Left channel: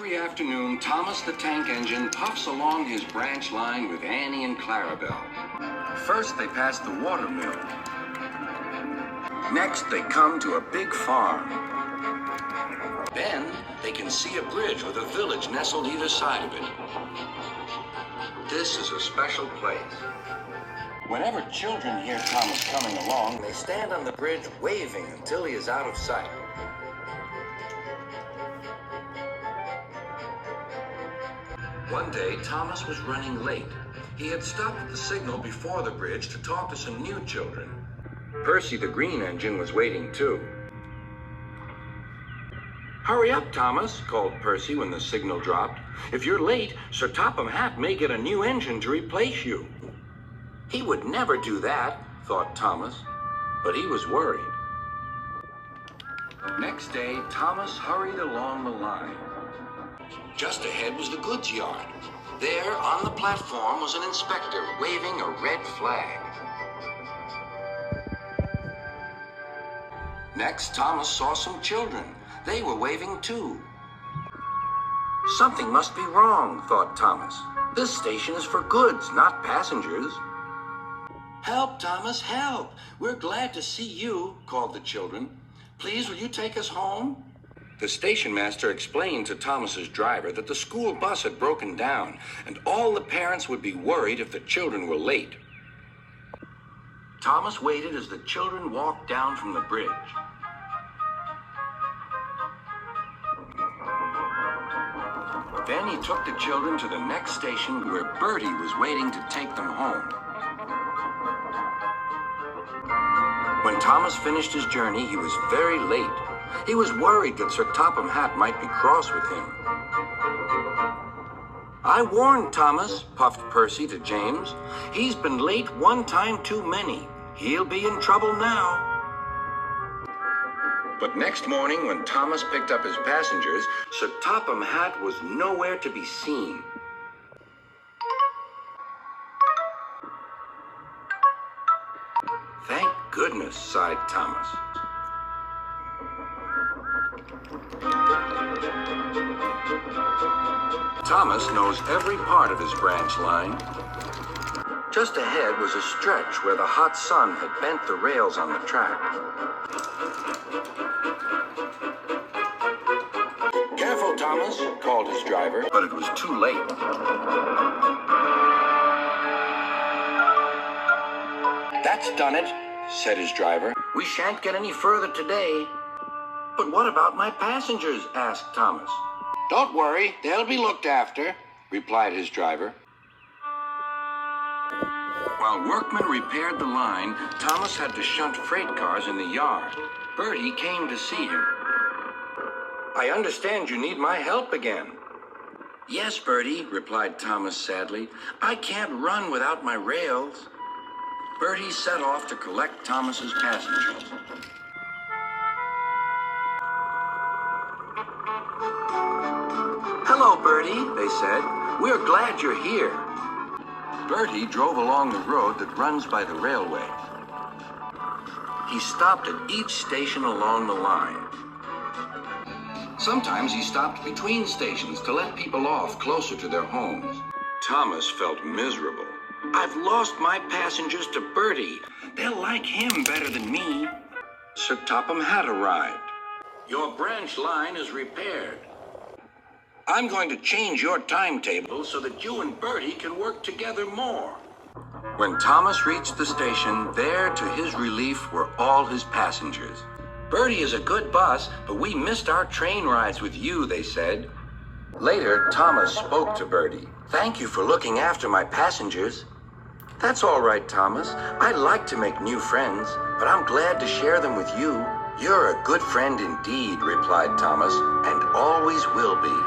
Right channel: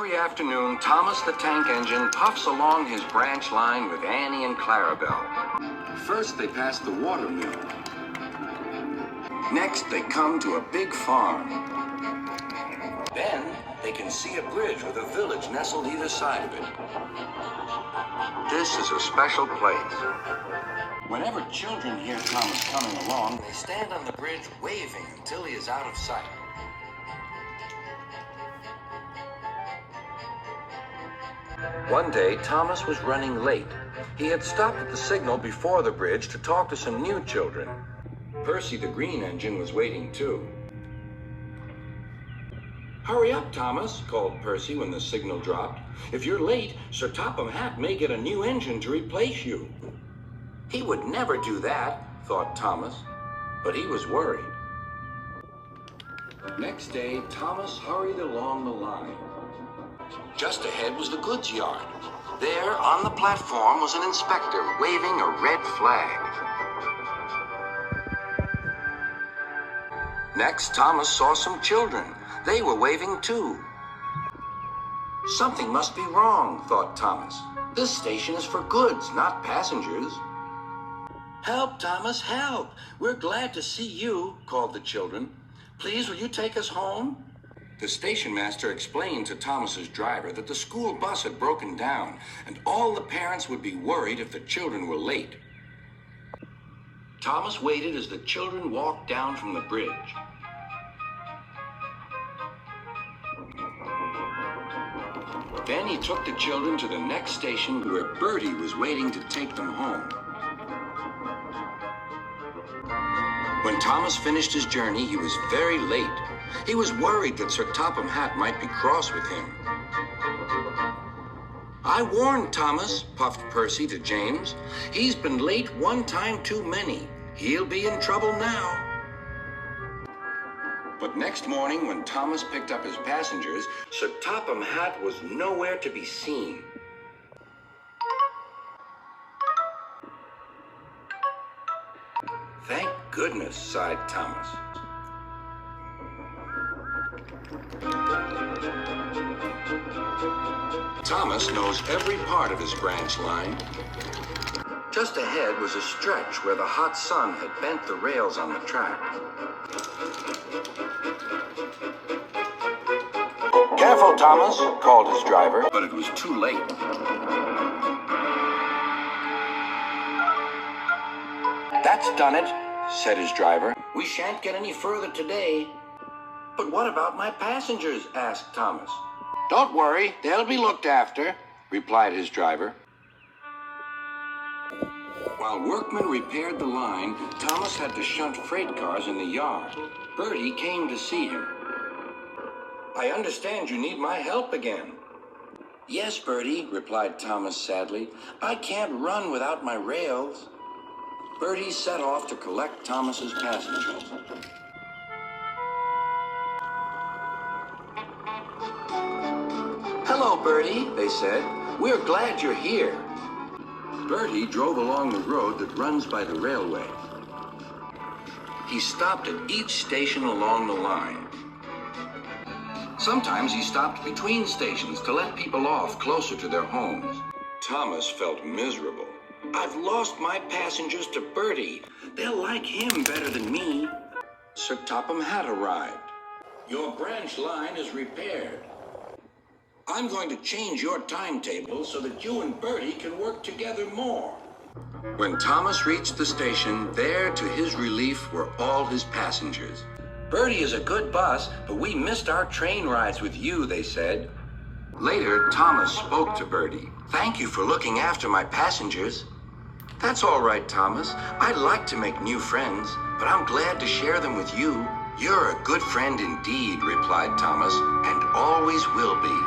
Every afternoon, Thomas the Tank Engine puffs along his branch line with Annie and Clarabelle. First, they pass the water mill. Next, they come to a big farm. Then, they can see a bridge with a village nestled either side of it. This is a special place. Whenever children hear Thomas coming along, they stand on the bridge waving until he is out of sight. One day, Thomas was running late. He had stopped at the signal before the bridge to talk to some new children. Percy the Green Engine was waiting too. "Hurry up, Thomas," called Percy when the signal dropped. "If you're late, Sir Topham Hatt may get a new engine to replace you." He would never do that, thought Thomas, but he was worried. Next day, Thomas hurried along the line. Just ahead was the goods yard. There, on the platform, was an inspector waving a red flag. Next, Thomas saw some children. They were waving too. Something must be wrong, thought Thomas. This station is for goods, not passengers. "Help, Thomas, help! We're glad to see you," called the children. "Please, will you take us home?" The station master explained to Thomas's driver that the school bus had broken down, and all the parents would be worried if the children were late. Thomas waited as the children walked down from the bridge. Then he took the children to the next station where Bertie was waiting to take them home. When Thomas finished his journey, he was very late. He was worried that Sir Topham Hatt might be cross with him. "I warned Thomas," puffed Percy to James. "He's been late one time too many. He'll be in trouble now." But next morning, when Thomas picked up his passengers, Sir Topham Hatt was nowhere to be seen. "Thank goodness," sighed Thomas. Thomas knows every part of his branch line. Just ahead was a stretch where the hot sun had bent the rails on the track. "Careful, Thomas," called his driver, but it was too late. "That's done it," said his driver. "We shan't get any further today." "But what about my passengers?" asked Thomas. "Don't worry, they'll be looked after," replied his driver. While workmen repaired the line, Thomas had to shunt freight cars in the yard. Bertie came to see him. "I understand you need my help again." "Yes, Bertie," replied Thomas sadly. "I can't run without my rails." Bertie set off to collect Thomas's passengers. "Hello, Bertie," they said. "We're glad you're here." Bertie drove along the road that runs by the railway. He stopped at each station along the line. Sometimes he stopped between stations to let people off closer to their homes. Thomas felt miserable. "I've lost my passengers to Bertie. They'll like him better than me." Sir Topham Hatt arrived. "Your branch line is repaired. I'm going to change your timetable so that you and Bertie can work together more." When Thomas reached the station, there to his relief were all his passengers. "Bertie is a good bus, but we missed our train rides with you," they said. Later, Thomas spoke to Bertie. "Thank you for looking after my passengers." "That's all right, Thomas. I like to make new friends, but I'm glad to share them with you." "You're a good friend indeed," replied Thomas, "and always will be."